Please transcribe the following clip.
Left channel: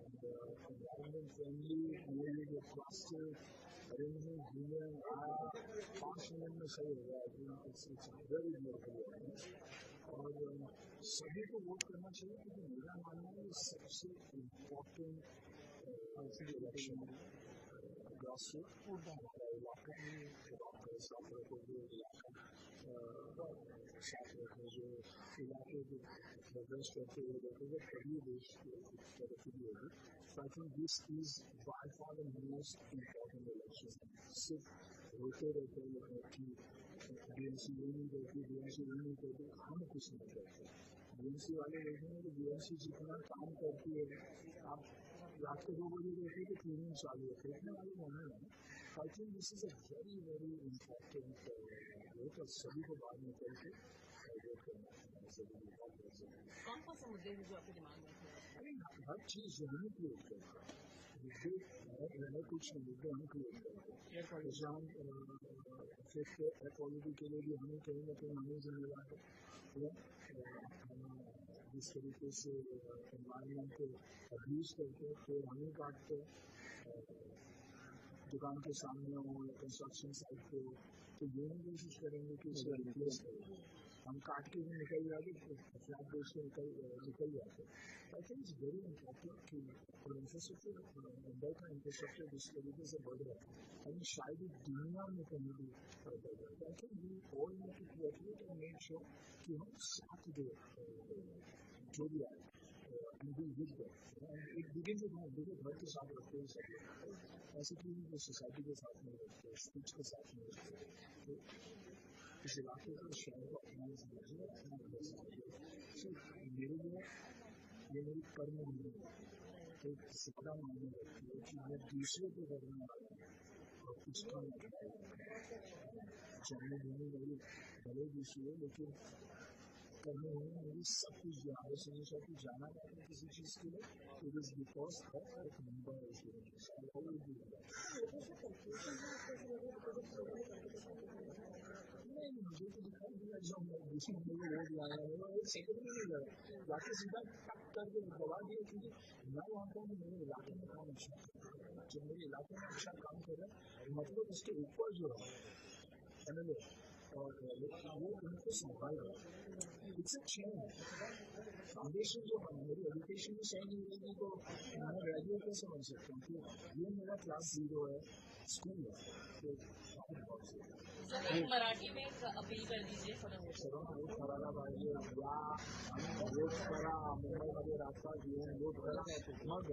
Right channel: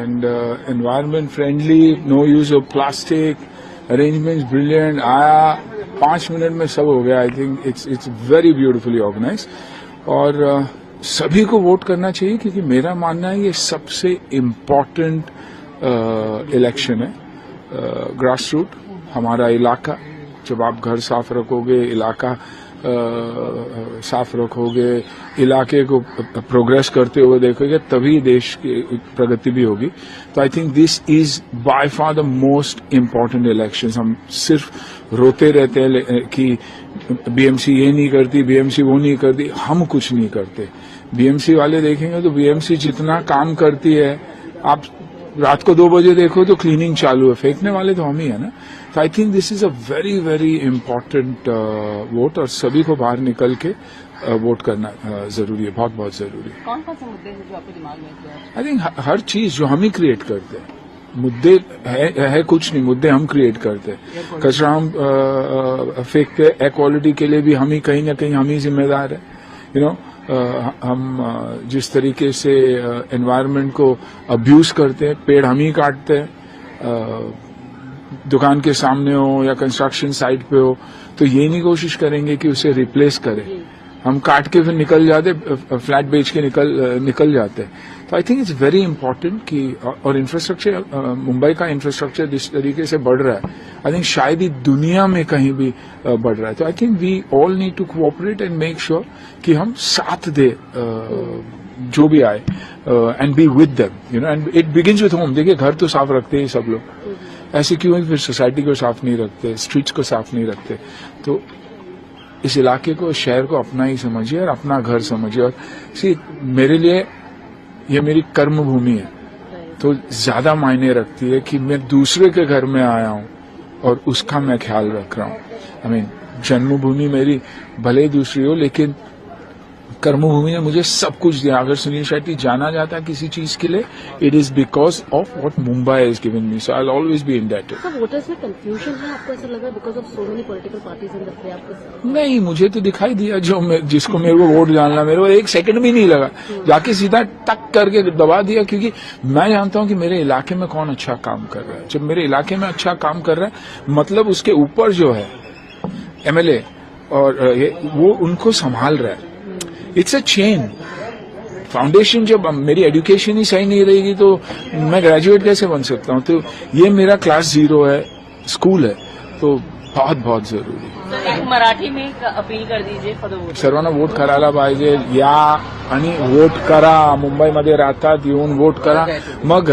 and environment friendly, no use of plastic, arrangements brilliant. आया 5 minute में सब हो गया. I think it's very beautifully organized. और सभी को वोट करना चाहिए क्योंकि मेरा मानना है ये सबसे इम्पोर्टेंट इलेक्शन है. ग्रास रूट हमारा इलाका, जब आप घर साफ रखोगे, इलाका साफ रखोगे, इलाके को प्रोग्रेस करते हुए देखोगे, तभी देश की प्रगति भी होगी. तो I think this is by far the most important elections. हम सिर्फ रोते रहते हैं कि बीएमसी ये नहीं करती, बीएमसी वो नहीं करती. हम कुछ नहीं करते. बीएमसी वाले देखेंगे तो बीएमसी जितना काम करती है, आप रात को 2 बजे देखो तो क्लीनिंग चालू है. फेंकने वाले तो हम ही है ना. तो I think this is a very very important vote और सभी को बाहर निकल के वोट करना जरूरी है, बहुत बहुत जरूरी है. कौन कौन से मुद्दे हैं जो आपके दिमाग में है? आई थिंक हर चीज जो हम ही क्रिएट करते हैं. मुद्दे है कुछ नहीं, मुद्दे हम क्रिएट करते हैं. कचरा हम फेंकते हैं, एयर क्वालिटी के लिए भी हम ही कहीं ना कहीं हम ही जिम्मेदार है. यू नो, हम जिस तरीके से एनवायरनमेंट को अब्यूज करते हैं, पेड़ हम ही काटते हैं, दुकान के सामने हो या कंस्ट्रक्शन साइट पे हो, तो ये नहीं कोशिश करेंगे कि उसे रिप्लेस करें. हम काट के फिर निकल जाते, फ्लैट बेच के निकल जाते. तो I think it's very important कि, और इंफ्रास्ट्रक्चर, मुंबई का इंफ्रास्ट्रक्चर जिस तरीके से बढ़ रहा है, आई थिंक शायद ही दुनिया में कहीं भी बढ़ रहा है. तो I think we all need to cooperate and make sure कि हम साथ दे जो भी आए, and be with them, you know. And it begins with home. देखिए, घर तो साफ रखते हैं सब लोग, ऐसे क्यों है फिर सोसाइटी को साफ नहीं रखते, स्ट्रीट्स को साफ नहीं रखते. तो इस इलाके को, शहर को अपना ही समझिए और अपना घर समझिए. और सी, मेरे लिए ये मेरी कर्म भूमि है, तो ज्यादा मायने रखती है कि मैं दूसरे के घर में आया हूं और उसका मैं ख्याल रख रहा हूं. आई मीन, जन्मभूमि मेरी भले ही दूसरी हो, लेकिन कर्मभूमि ने मुझे सब कुछ दिया. अगर सुनील शेट्टी जाना जाता है किसी चीज के लिए, it is because of what Mumbai has given me. So I will always be indebted. Sir, voters में कंफ्यूजन है, आपको ऐसा लगा because of so many political parties in the play? आपको नहीं, मुझे तो दिखाई दिया जिसको मेरे को वोट डालना, मेरे को 1 सेकंड भी नहीं लगा, जाके सीधा टक करके दबा दिया. क्योंकि मैं जानता हूं कि मेरे इलाके में कौन अच्छा काम कर रहा है. जब मेरे इलाके में अच्छा काम कर रहा है, मतलब उसके ऊपर जो है एमएलए और वो उनको संभाल रहा है. It's a chain. फाउंडेशन, जब मेरी एजुकेशन ही सही नहीं रहेगी तो मैं ग्रेजुएट कैसे बन सकता हूं. तो ये मेरा क्लास 0 है, स्कूल है, तो बहुत बहुत जरूरी है. एक मराठी में एक अपील कर दीजिए फॉर द वोट. सर्वांना वोट करायला पाहिजे. या आणि वोट करा. मुंबईमध्ये राहतात, येऊन वोट करा. मग